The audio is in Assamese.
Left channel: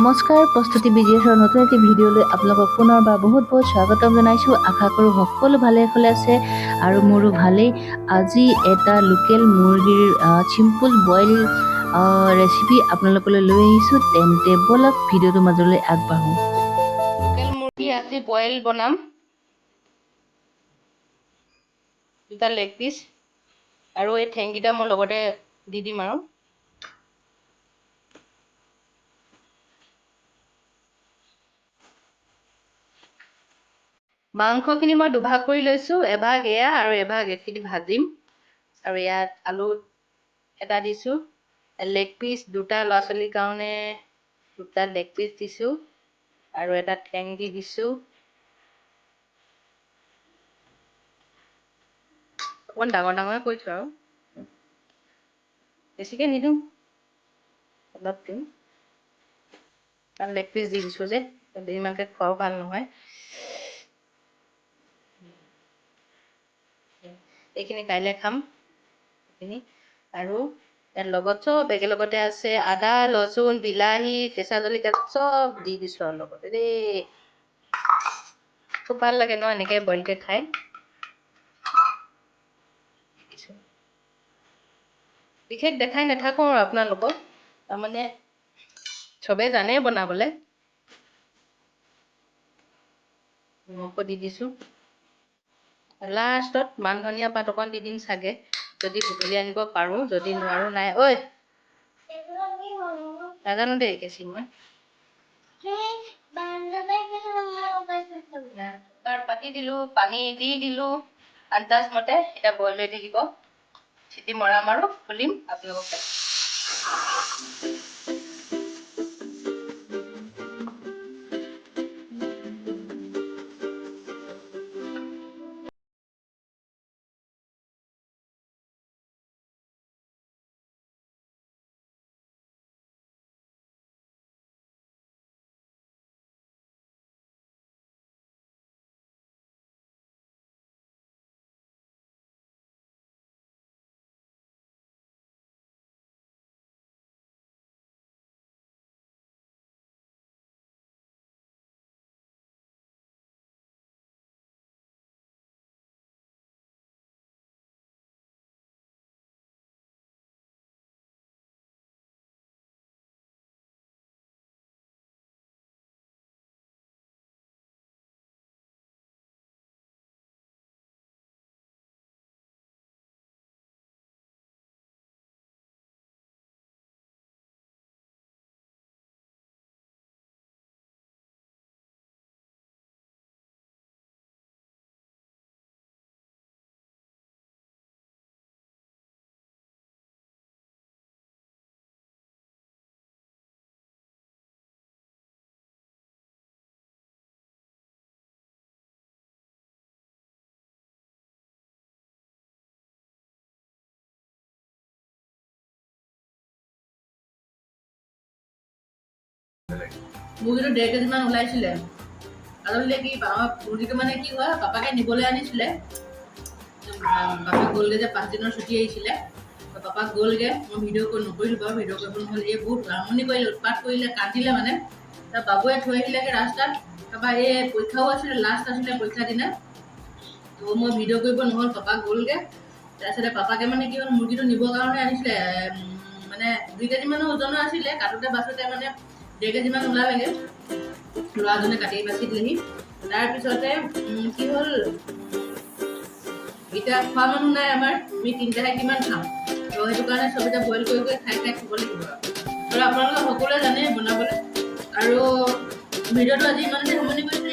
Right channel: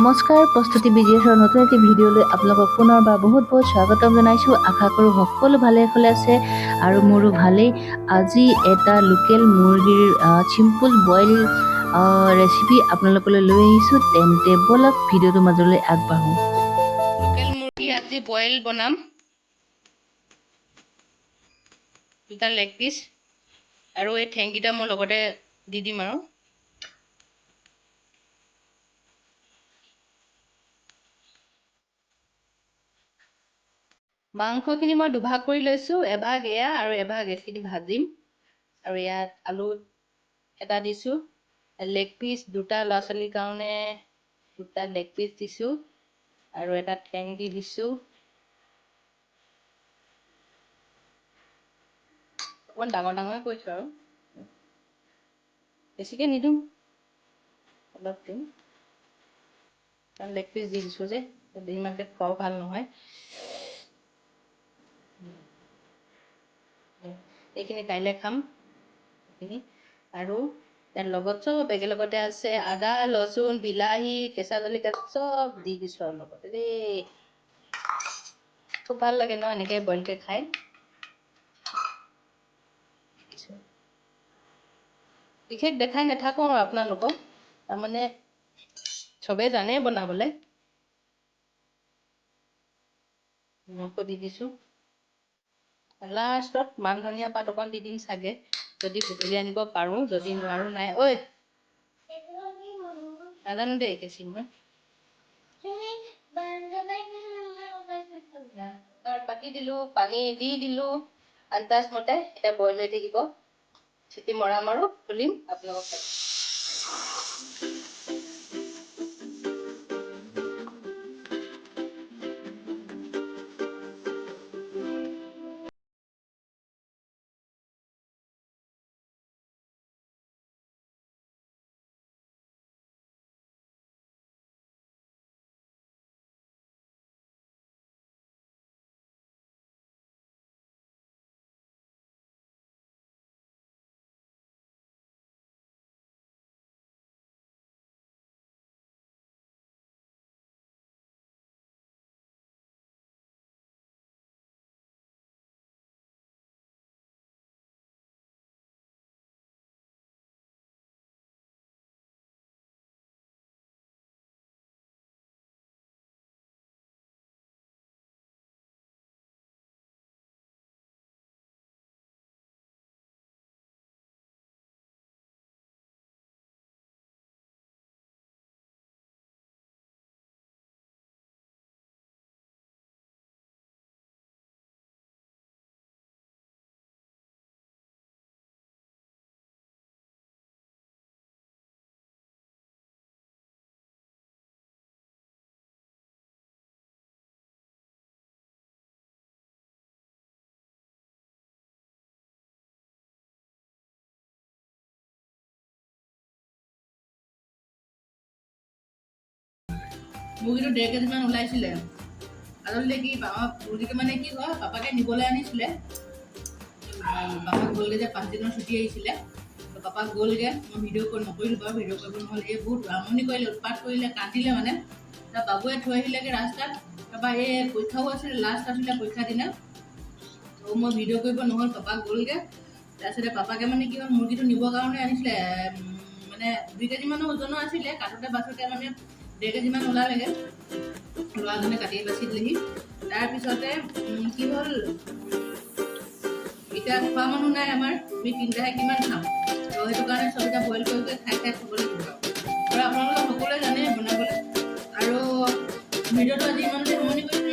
নমস্কাৰ, প্ৰস্তুতি বিজিএছৰ নতুন এটি ভিডিঅ'লৈ আপোনালোকক পুনৰবাৰ বহুত স্বাগতম জনাইছোঁ। আশা কৰোঁ সকলো ভালে আছে আৰু মোৰো ভালেই। আজি এটা লোকেল মুৰ্গীৰ চিম্পল বইল ৰেচিপি আপোনালোকলৈ লৈ আহিছোঁ। তেন্তে বলক ভিডিঅ'টোৰ মাজলৈ আগবাঢ়োঁ। লোকেল মুৰ্গী আজি বইল বনাম। দুটা লেগ পিচ আৰু এই ঠেংকেইটা মই লগতে দি দিম আৰু মাংসখিনি মই দুভাগ কৰি লৈছোঁ। এভাগ এয়া আৰু এভাগ এইখিনি ভাজিম। আৰু ইয়াত আলু এটা দিছোঁ, লেগ পিচ দুটা ল'ৰা ছোৱালীৰ কাৰণে দুটা লেগ পিচ দিছোঁ আৰু এটা ঠেং দি দিছোঁ। অকণমান ডাঙৰ ডাঙৰ কৰিছোঁ আৰু বেছিকৈ নিদিওঁ, অলপ দিম। কাৰণ লেগ পিচ দি দিছোঁ যে ইমানকৈ খোৱাও ভাল নহয়। এইখিনি কাইলৈ খাম এইখিনি। আৰু ইয়াৰ লগত চব একেলগতে আছে, আদা ৰচুন বিলাহী কেঁচা জলকীয়া চব দি দিছোঁ আৰু লগতে দেই। খুব ভাল লাগে ন এনেকৈ বইলকৈ খাই। বিশেষ দেখাই নাথাকোঁ আৰু আপোনালোকক, তাৰমানে চবেই জানে বনাবলৈ। নিমখ দি দিছোঁ। লাষ্টত মান ধনিয়া পাত অকণ দি দিম চাগে, যদি বুটলি আনিব পাৰোঁ, যদি নোৱাৰোঁ নাই। ঐ নাজানো দেই কেঁচি মই পাতি দিলোঁ, পানী দি দিলোঁ আন্দাজ মতে। এতিয়া বইল হৈ থাকিব, চিটি মৰাম আৰু খুলিম আপোনালোকক। মুৰ্গীটো 1.5 কেজিমান ওলাইছিলে। আচলতে কি মুৰ্গীটো মানে কি হয়, পাপাকে নিবলৈ আনিছিলে। পাপা গ'লগৈ যে 5 দিনৰ ছুটি আহিছিলে। পাপা গ'লগৈ, মই ভিডিঅ' নকৰিলোঁ বাৰু, ভিডিঅ' কৰিব নহ'লে। এই বহুত আমনি কৰিলে, উৎপাত কৰিলে, কান্দিলে মানে। তাৰ বাবুৱে থৈ আহিলেগৈ ৰাস্তাত। তাৰপৰা এই পৰীক্ষাও আছিলে, লাষ্ট আছিলে পৰীক্ষাৰ দিনা। তো মই ভিডিঅ' কৰিব নহ'ল, পাপা গ'লগৈ। তাৰপিছতে পাপাকে মানে কি হ'ল, মুৰ্গীটো নিবৰ কাৰণে আনিছিলে। মানে 2 কেজিমানৰ ওজনৰ আছিলে। কাটোতে বাছোতে মানে 1.5 কেজিমান ওলালেগৈ। ল'ৰাজনে কাটি বাচি দিলেহি। তাৰপিছতে কি হ'ল, এতিয়া খোৱা মানুহ নাই আমাৰ, আমি তিনিটাহে কিমান খাম। তো সেইটো কাৰণে চব এতিয়া বইল কৰি খাই খাব লাগিব। আৰু আপোনালোকে সকলোৱে জানে বনাবলৈ। আৰু ভিডিঅ'টো আজি ইমানতে সামৰণি কৰিছোঁ।